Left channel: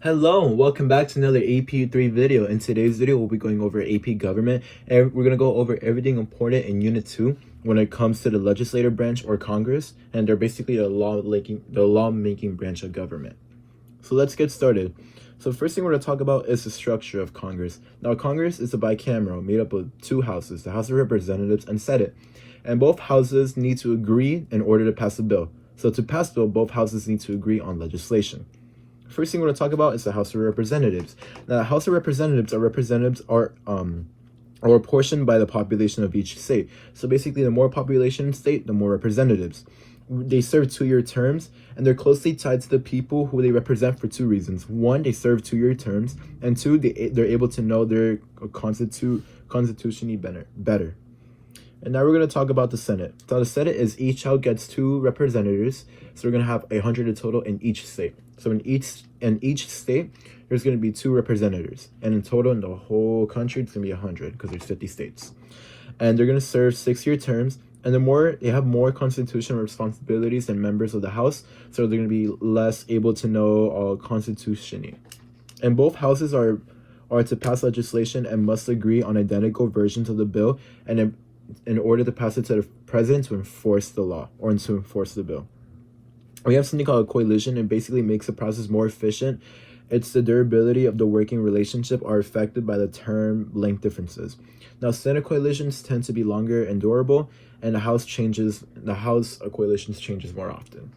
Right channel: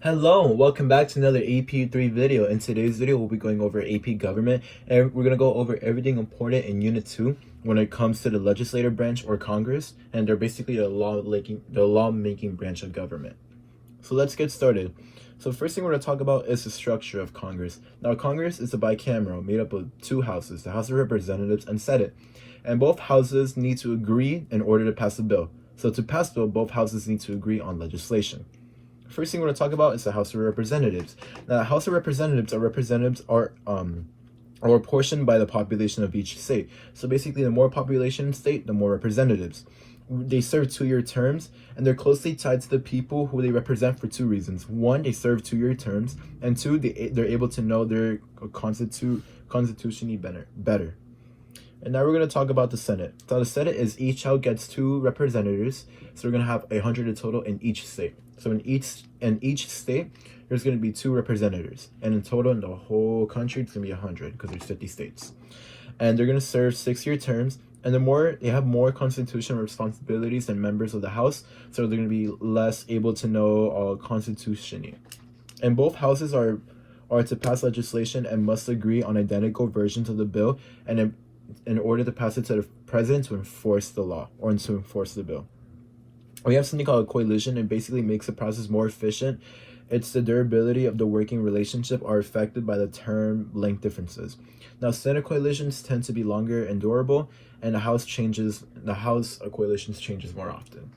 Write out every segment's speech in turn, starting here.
Hello, and welcome back to another AP3 video. In today's video, we'll be going over AP government, and we're going to go over everything important in Unit 2 when it comes to the legislative branch or Congress, and they're basically the lawmaking branch of government. So let's get started. So first thing we're going to talk about is the structure of Congress. Now, Congress is a bicameral made up of two houses, the House of Representatives and Senate, and both houses need to agree in order to pass a bill. So to pass a bill, both houses need to agree on legislation. First thing we're going to talk about is the House of Representatives. Now, the House of Representatives are apportioned by the population of each state. So basically, the more population state, the more representatives. They serve 2-year terms, and they're closely tied to the people who they represent for two reasons. One, they serve 2-year terms, and two, they're able to know their constitution better. And now we're going to talk about the Senate. So the Senate is each house gets 2 representatives. So we're going to have 100 in total in each state. So in each state, there's going to be 2 representatives. And in total, in the whole country, it's going to be 100 because there's 50 states. And they're going to serve 6-year terms. And they have more constitutional responsibilities than members of the House. So they're going to be less able to know constitution. And both houses are to pass legislation and must agree on identical versions of the bill and in order to pass it to the president to enforce the law or to enforce the bill. We have something called a coalition. It basically makes the process more efficient. It's the durability of the working relationship are affected by the term length differences. Now, Senate coalitions tend to be longer and durable, and the House coalitions changes more often.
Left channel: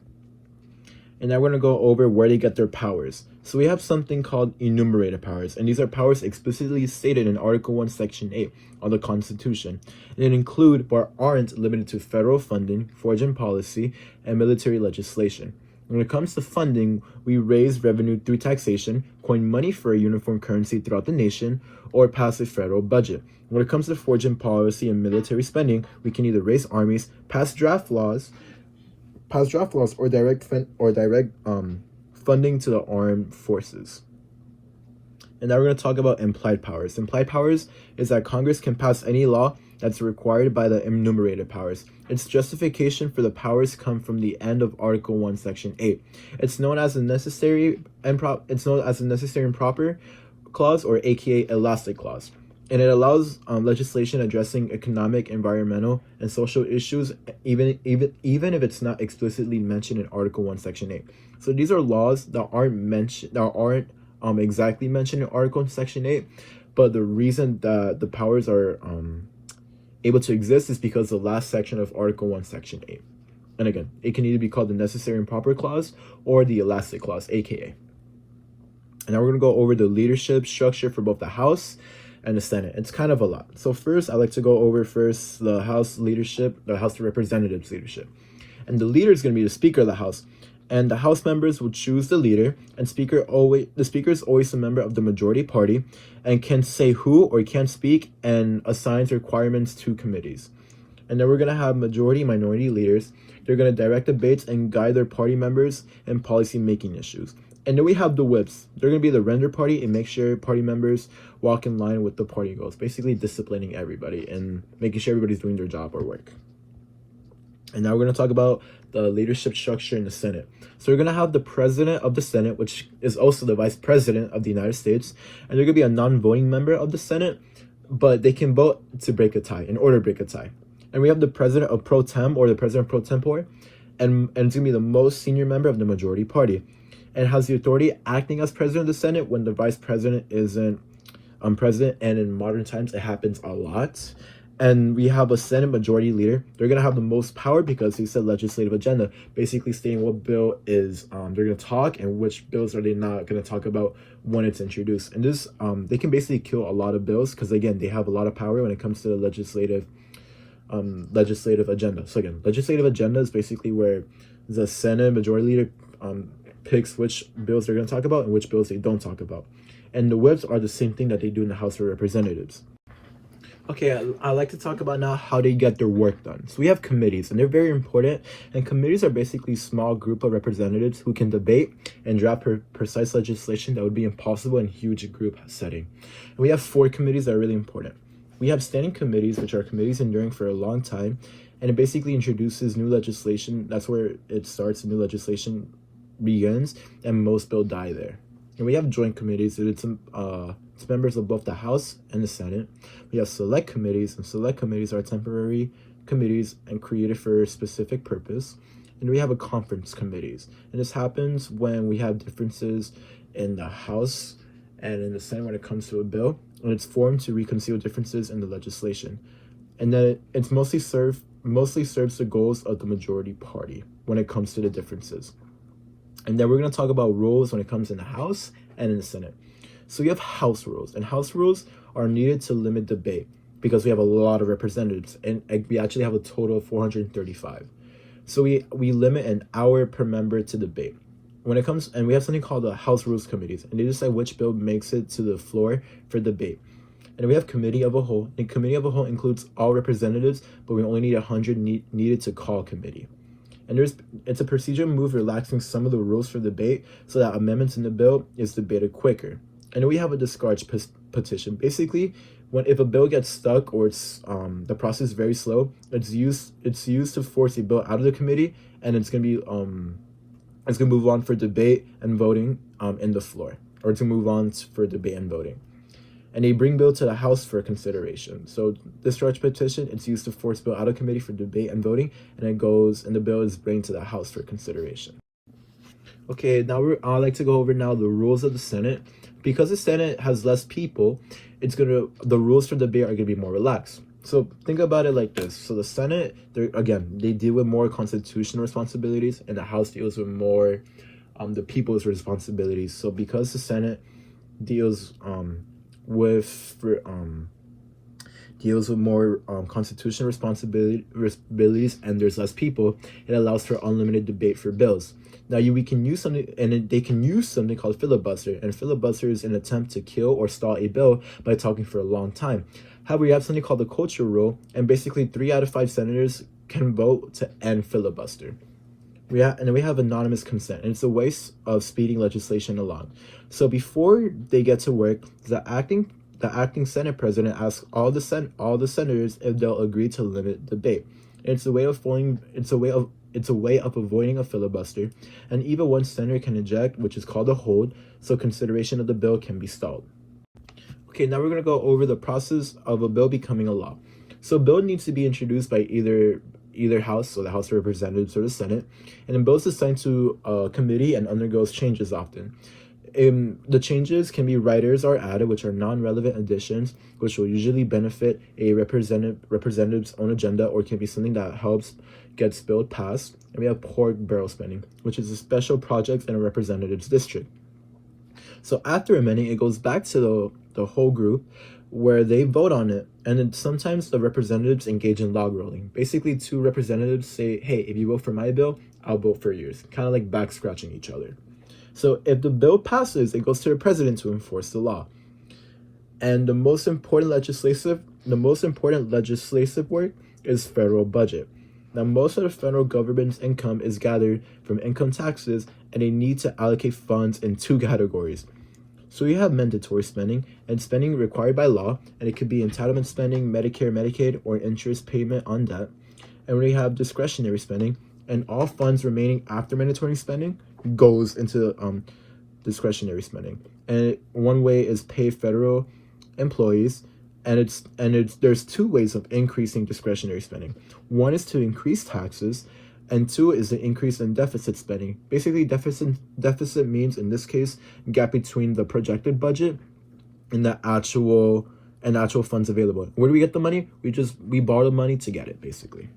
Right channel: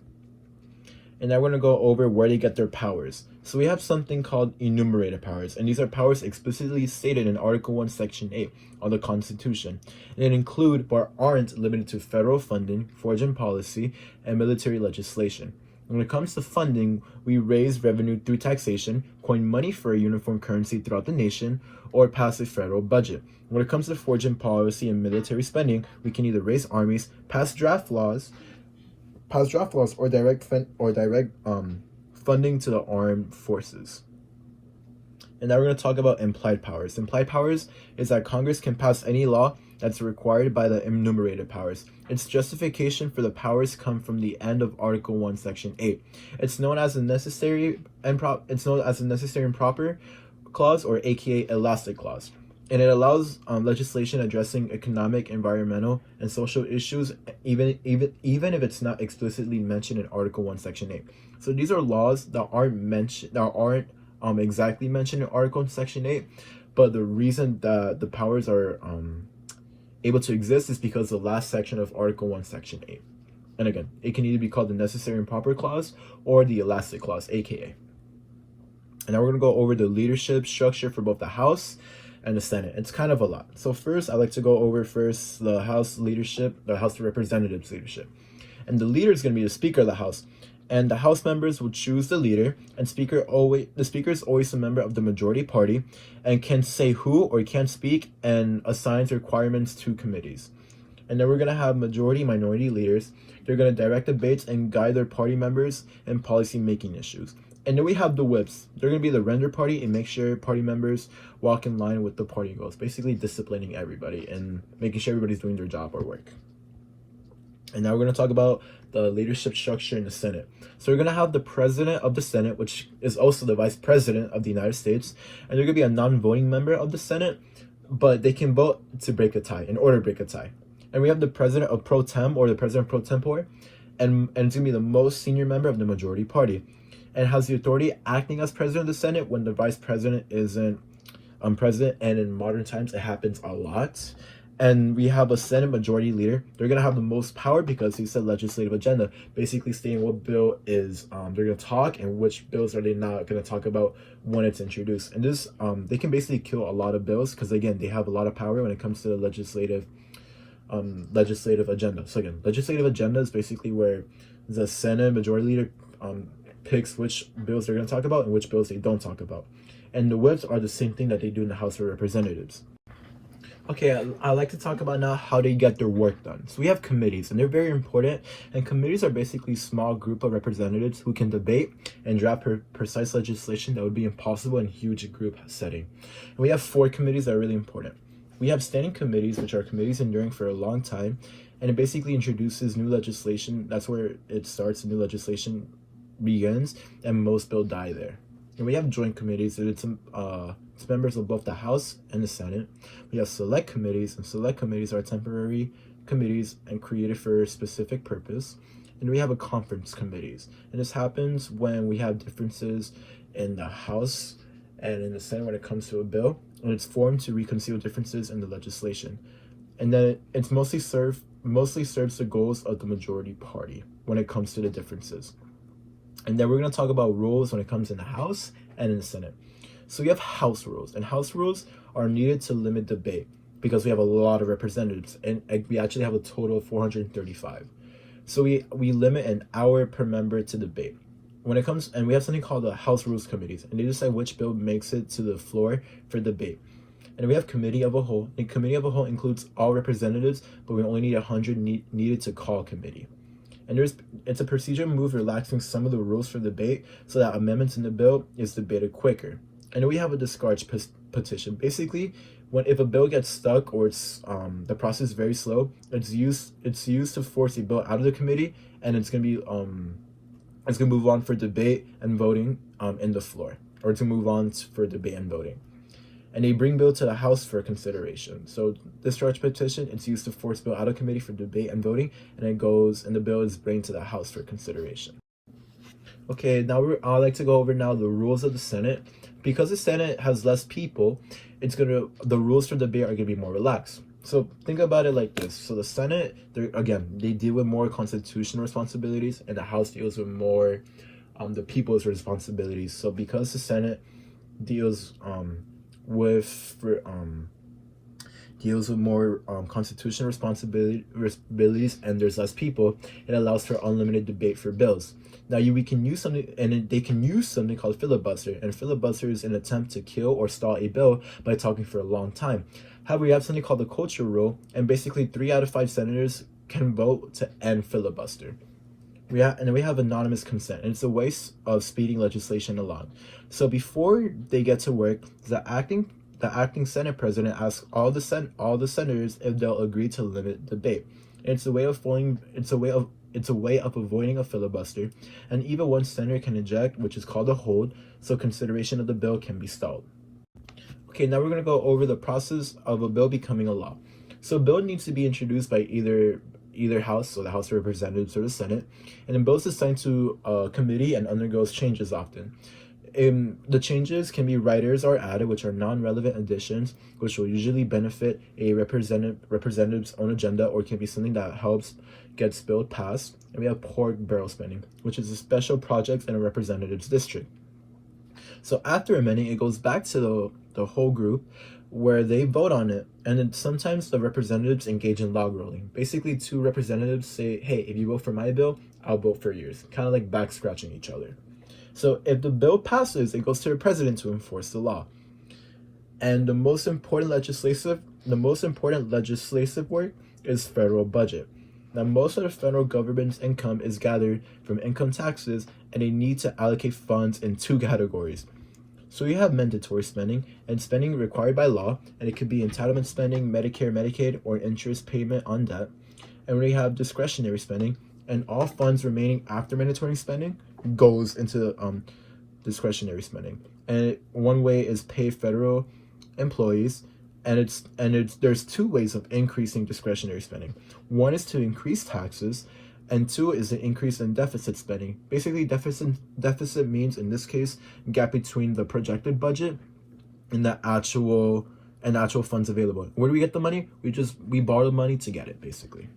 And now we're going to go over where they get their powers. So we have something called enumerated powers, and these are powers explicitly stated in Article 1, Section 8 of the Constitution. And it include, but aren't limited to, federal funding, foreign policy, and military legislation. When it comes to funding, we raise revenue through taxation, coin money for a uniform currency throughout the nation, or pass a federal budget. When it comes to foreign policy and military spending, we can either raise armies, pass draft laws, or direct funding to the armed forces. And now we're going to talk about implied powers. Implied powers is that Congress can pass any law that's required by the enumerated powers. Its justification for the powers come from the end of Article 1, Section 8. It's known as a necessary and proper clause, or aka elastic clause. And it allows legislation addressing economic, environmental, and social issues, even if it's not explicitly mentioned in Article 1, Section 8. So these are laws that aren't exactly mentioned in Article Section 8, but the reason that the powers are able to exist is because the last section of Article 1, Section 8. And again, it can either be called the necessary and proper clause or the elastic clause, aka. And now we're going to go over the leadership structure for both the House and the Senate. It's kind of a lot. So first, I like to go over the House leadership, the House of Representatives leadership. And the leader is going to be the Speaker of the House. And the House members will choose the leader, and the Speaker is always a member of the majority party and can say who or can't speak and assigns requirements to committees. And then we're going to have minority leaders. They're going to direct debates and guide their party members in policy-making issues. And then we have the whips. They're going to be the render party and make sure party members walk in line with the party goals, basically disciplining everybody and making sure everybody's doing their job or work. And now we're going to talk about the leadership structure in the Senate. So we're going to have the president of the Senate, which is also the vice president of the United States. And they're going to be a non-voting member of the Senate, but they can vote to break a tie, in order to break a tie. And we have the president of pro tem, or the president pro tempore, and it's going to be the most senior member of the majority party, and has the authority acting as president of the Senate when the vice president isn't president. And in modern times, it happens a lot. And we have a Senate majority leader. They're going to have the most power because they set legislative agenda, basically stating what bill is they're going to talk and which bills are they not going to talk about when it's introduced. And this, they can basically kill a lot of bills because, again, they have a lot of power when it comes to the legislative agenda. So again, legislative agenda is basically where the Senate majority leader picks which bills they're going to talk about and which bills they don't talk about. And the whips are the same thing that they do in the House of Representatives. Okay, I like to talk about now how they get their work done. So we have committees, and they're very important. And committees are basically a small group of representatives who can debate and draft precise legislation that would be impossible in a huge group setting. And we have 4 committees that are really important. We have standing committees, which are committees enduring for a long time, and it basically introduces new legislation. That's where it starts. The new legislation begins, and most bills die there. And we have joint committees, and it's members of both the House and the Senate. We have select committees, and select committees are temporary committees and created for a specific purpose. And we have a conference committees, and this happens when we have differences in the House and in the Senate when it comes to a bill, and it's formed to reconcile differences in the legislation. And then it's mostly serves the goals of the majority party when it comes to the differences. And then we're going to talk about rules when it comes in the House and in the Senate. So we have House rules, and House rules are needed to limit debate because we have a lot of representatives, and we actually have a total of 435. So we limit an hour per member to debate. When it comes, and we have something called the House Rules Committees, and they decide which bill makes it to the floor for debate. And we have Committee of a Whole, and Committee of a Whole includes all representatives, but we only need 100 needed to call committee. And it's a procedure move relaxing some of the rules for debate so that amendments in the bill is debated quicker. And then we have a discourage petition. Basically, if a bill gets stuck or it's the process is very slow, it's used to force a bill out of the committee, and it's gonna move on for debate and voting in the floor, or to move on for debate and voting. And they bring bill to the House for consideration. So discharge petition, it's used to force bill out of committee for debate and voting, and the bill is brought to the House for consideration. Okay, now I'd like to go over now the rules of the Senate. Because the Senate has less people, the rules for debate are gonna be more relaxed. So think about it like this. So the Senate, they deal with more constitutional responsibilities, and the House deals with more the people's responsibilities. So because the Senate deals with more constitutional responsibilities, and there's less people, it allows for unlimited debate for bills. Now we can use something, and they can use something called filibuster, and filibuster is an attempt to kill or stall a bill by talking for a long time. However, we have something called the cloture rule, and basically 3 out of 5 senators can vote to end filibuster. We have anonymous consent, and it's a way of speeding legislation along. So before they get to work, the acting Senate president asks all the senators if they'll agree to limit debate. And it's a way of avoiding a filibuster, and even one senator can eject, which is called a hold, so consideration of the bill can be stalled. Okay, now we're going to go over the process of a bill becoming a law. So a bill needs to be introduced by either House, so the House of Representatives, or the Senate, and then bills assigned to a committee and undergoes changes often. The changes can be writers or added, which are non-relevant additions, which will usually benefit a representative's own agenda, or can be something that helps get billed passed. And we have pork barrel spending, which is a special project in a representative's district. So after amending, it goes back to the whole group where they vote on it, and then sometimes the representatives engage in log rolling. Basically, 2 representatives say, hey, if you vote for my bill, I'll vote for yours, kind of like back scratching each other. So if the bill passes, it goes to the president to enforce the law. And the most important legislative work is federal budget. Now, most of the federal government's income is gathered from income taxes, and they need to allocate funds in 2 categories. So you have mandatory spending and spending required by law, and it could be entitlement spending, Medicare, Medicaid, or interest payment on debt. And we have discretionary spending, and all funds remaining after mandatory spending goes into discretionary spending. And one way is pay federal employees, and there's 2 ways of increasing discretionary spending. One is to increase taxes, and 2 is an increase in deficit spending. Basically, deficit means, in this case, gap between the projected budget and the actual funds available. Where do we get the money? We borrow the money to get it, basically.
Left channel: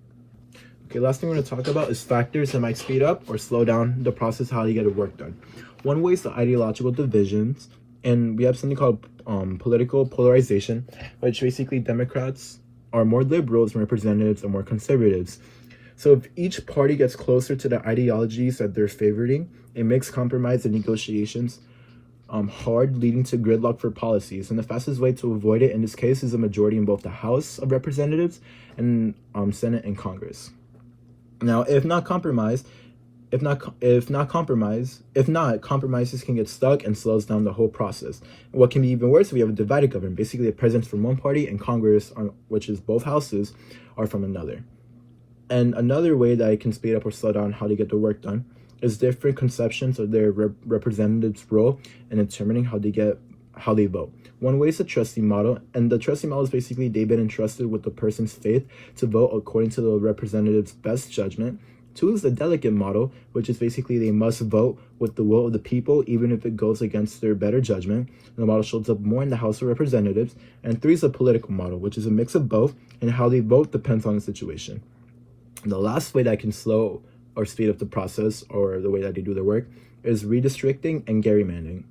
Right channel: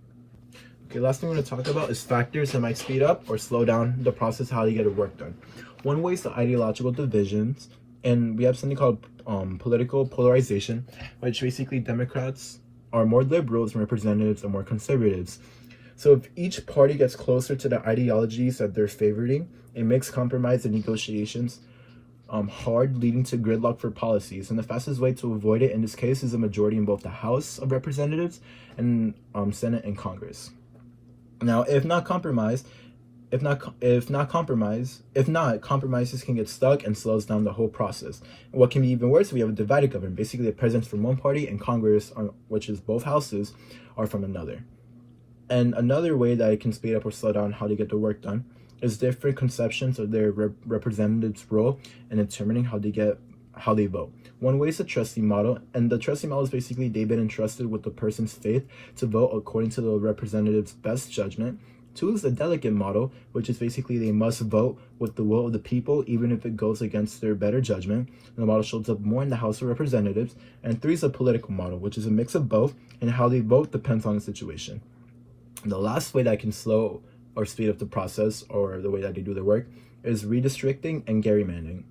Okay, last thing we're going to talk about is factors that might speed up or slow down the process how you get the work done. One way is the ideological divisions, and we have something called political polarization, which basically Democrats are more liberals and representatives are more conservatives. So if each party gets closer to the ideologies that they're favoring, it makes compromise and negotiations hard, leading to gridlock for policies. And the fastest way to avoid it in this case is a majority in both the House of Representatives and Senate and Congress. Now, if not, compromises can get stuck and slows down the whole process. And what can be even worse, we have a divided government. Basically, the president's from one party and Congress, which is both houses, are from another. And another way that it can speed up or slow down how to get the work done is different conceptions of their representatives' role in determining how they vote. One way is the trustee model, and the trustee model is basically they've been entrusted with the person's faith to vote according to the representative's best judgment. Two is the delegate model, which is basically they must vote with the will of the people, even if it goes against their better judgment. And the model shows up more in the House of Representatives. And three is the political model, which is a mix of both, and how they vote depends on the situation. And the last way that can slow or speed up the process, or the way that they do their work, is redistricting and gerrymandering.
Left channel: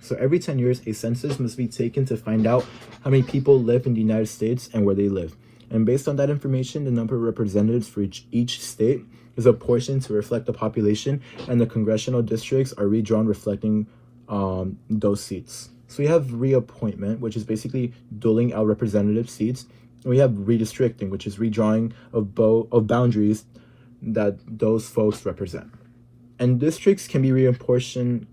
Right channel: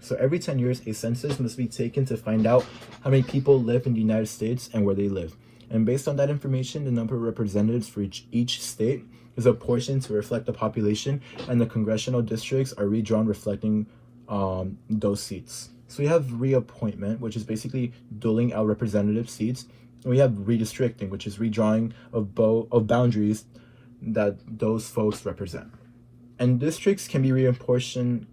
So every 10 years, a census must be taken to find out how many people live in the United States and where they live. And based on that information, the number of representatives for each state is apportioned to reflect the population, and the congressional districts are redrawn reflecting those seats. So we have reappointment, which is basically doling out representative seats. And we have redistricting, which is redrawing of boundaries that those folks represent. And districts can be reapportioned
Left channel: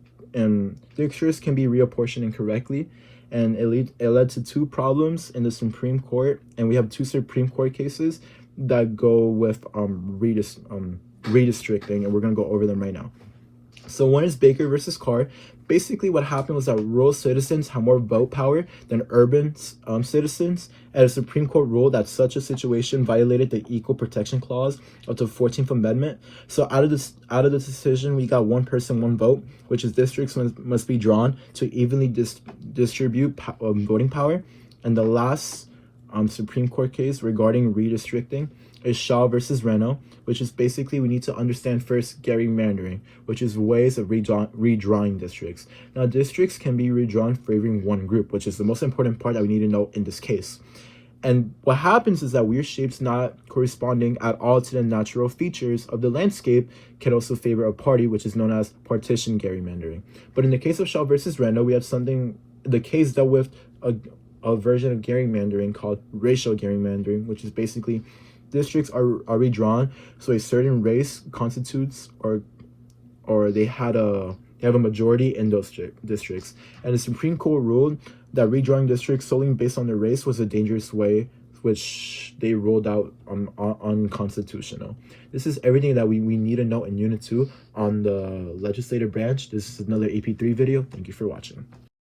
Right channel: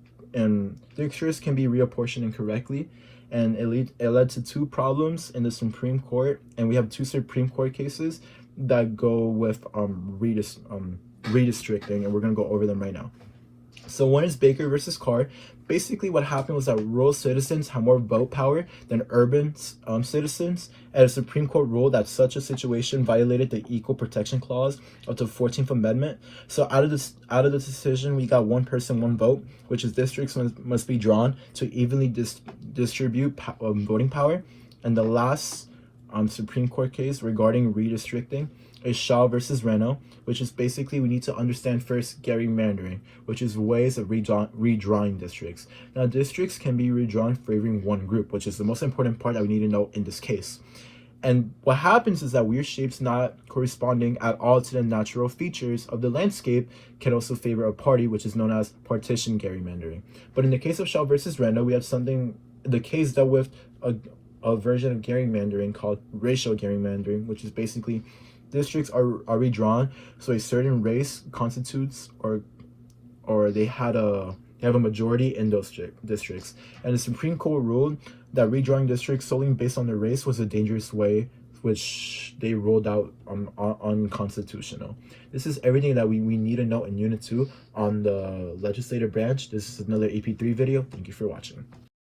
incorrectly, and it led to two problems in the Supreme Court, and we have two Supreme Court cases that go with redistricting, and we're going to go over them right now. So one is Baker versus Carr. Basically what happened was that rural citizens have more vote power than urban citizens, and the Supreme Court ruled that such a situation violated the Equal Protection Clause of the 14th Amendment. So out of the decision, we got one person, one vote, which is districts must be drawn to evenly distribute voting power. And the last Supreme Court case regarding redistricting is Shaw versus Reno, which is basically we need to understand first gerrymandering, which is ways of redrawing districts. Now, districts can be redrawn favoring one group, which is the most important part that we need to know in this case. And what happens is that weird shapes not corresponding at all to the natural features of the landscape can also favor a party, which is known as partition gerrymandering. But in the case of Shaw versus Reno, we have the case dealt with a version of gerrymandering called racial gerrymandering, which is basically districts are redrawn so a certain race constitutes or they have a majority in those districts. And the Supreme Court ruled that redrawing districts solely based on their race was a dangerous way, which they ruled out unconstitutional. This is everything that we need to know in Unit 2 on the legislative branch. This is another AP3 video. Thank you for watching.